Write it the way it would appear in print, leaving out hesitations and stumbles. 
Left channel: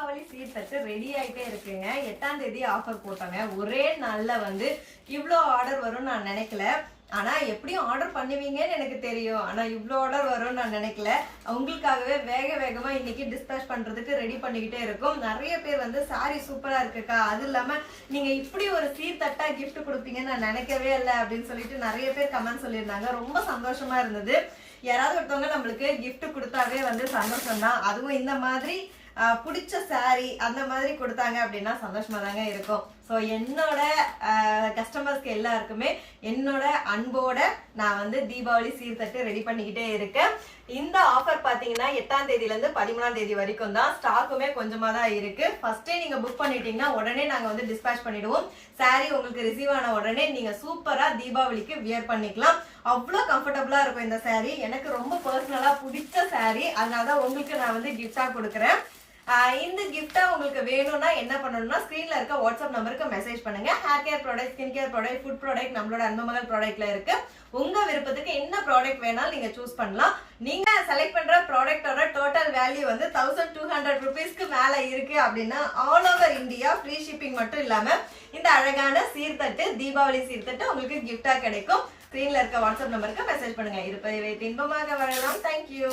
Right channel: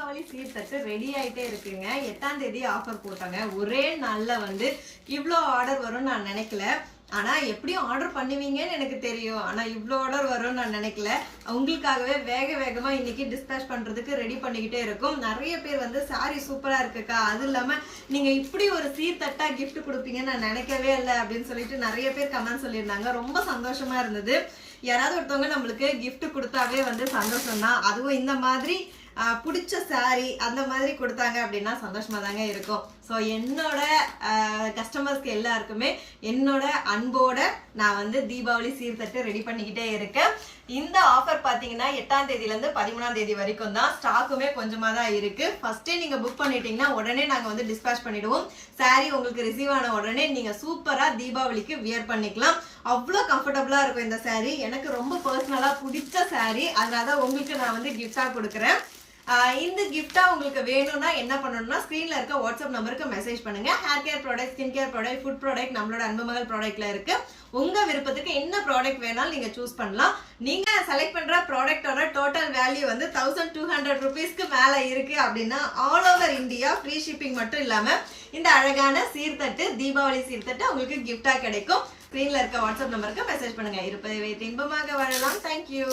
Deepavali சீர்தட்டு ready ஆயிட்டே இருக்குங்க. 8ஆம் தேதி ஆஃபர் போட்டாங்க. ஒரே நாள்ல வந்து இவ்வளோ ஆர்டர் வரும்னு நான் நினைக்கல. ஆனா எப்படியும் ஆர்டர் பண்ணுவீங்கன்னு எனக்கு தெரியும். ஆனா இவ்வளோ ஆர்டர் வரும்னு நான் நினைக்கல. உங்களுக்காகவே வேகமா இன்னைக்கு டிஸ்பேச் பண்றதுக்கு ரெடி பண்ணிக்கிட்டே இருக்கும். நிறைய பேர் வந்து சாரி சூப்பரா இருக்குக்கா, அது இல்லாம நீங்க இப்படி ஒரு சீர்தட்டா கிஃப்ட் கொடுப்பீங்கன்னு நான் நினைக்கவே இல்லை அப்படின்னு சொல்லிட்டு நிறைய பேர் கமெண்ட் சொல்லியிருந்தாங்க. ரொம்ப சந்தோஷமா இருந்தது. யாராவது ஒருத்தவங்க நம்மளுக்கு கிஃப்ட் கொடுத்தாவே வந்து சந்தோஷம் தான். அதுவும் இந்த மாதிரி பிடிச்ச சாரி அந்த மாதிரி கொடுத்தாங்க அப்படின்னா சந்தோஷமா தாங்க இருக்கும். ஸோ என்னோட கஸ்டமர்ஸ்க்கு எல்லாருக்குமே என்னோட அன்போட நான் வந்து தீபாவளி சீர்தட்டு ரெடி பண்ணிக்கிட்டே இருக்கேன். இந்த ஆஃபர் பார்த்தீங்கன்னா 8ஆம் தேதியிலேருந்து 13ஆம் தேதி வரைக்கும் தான். ஸ்டாக்குமே கொஞ்சமாக தான் இருக்கு. ஃபர்ஸ்டே நீங்க புக் பண்ணிட்டீங்கன்னா உடனே நாங்கள் வந்து டிஸ்பேச் பண்ணிடுவோம். சாரி உங்களுக்கு ரிசீவ் ஆன உடனே நீங்க சூப்பரா தீபாவளிக்கு வியர் பண்ணிக்கலாம். அவ்வளோ கம்ஃபர்டபுளா இருக்கும் இந்த சாரி. எனக்கு ரொம்ப பர்சனலா பிடிச்ச சாரி, அதனால தான் உங்களுக்கு நான் வந்து கிஃப்டா கொடுக்குறேன். இந்த கிஃப்டா உங்களுக்கு வேணும்னா என்ன பண்ணணும்னா ஸ்கிரீன்ல இருக்க வாட்ஸ்அப் நம்பருக்கு மெசேஜ் பண்ணுங்க. Hair care product, skin care product, food product நம்மளோட அன்புமகள் ப்ராடக்ட்ல இருக்கு. உங்க விருப்பத்துக்கு என்ன ப்ராடக்ட் வேணாலும் நீங்க சூஸ் பண்ணலாம். நீங்க செலக்ட் பண்ற ப்ராடக்டோட டோட்டல் வேல்யூ வந்து 1200 rupeesக்கு மேல இருக்கு அப்படின்னா all over India free shipping மட்டும் இல்லாம இந்த அழகான சீர்தட்டு, தீபாவளி சீர்தட்டு உங்களுக்கு கிஃப்டா கிடைக்கும். ஸ்கிரீன்ல இருக்க வாட்ஸ்அப் நம்பருக்கு மெசேஜ் பண்ணுங்க. இருப்பதை வைத்து இன்பமாக வாழலாம். தேங்க்யூ.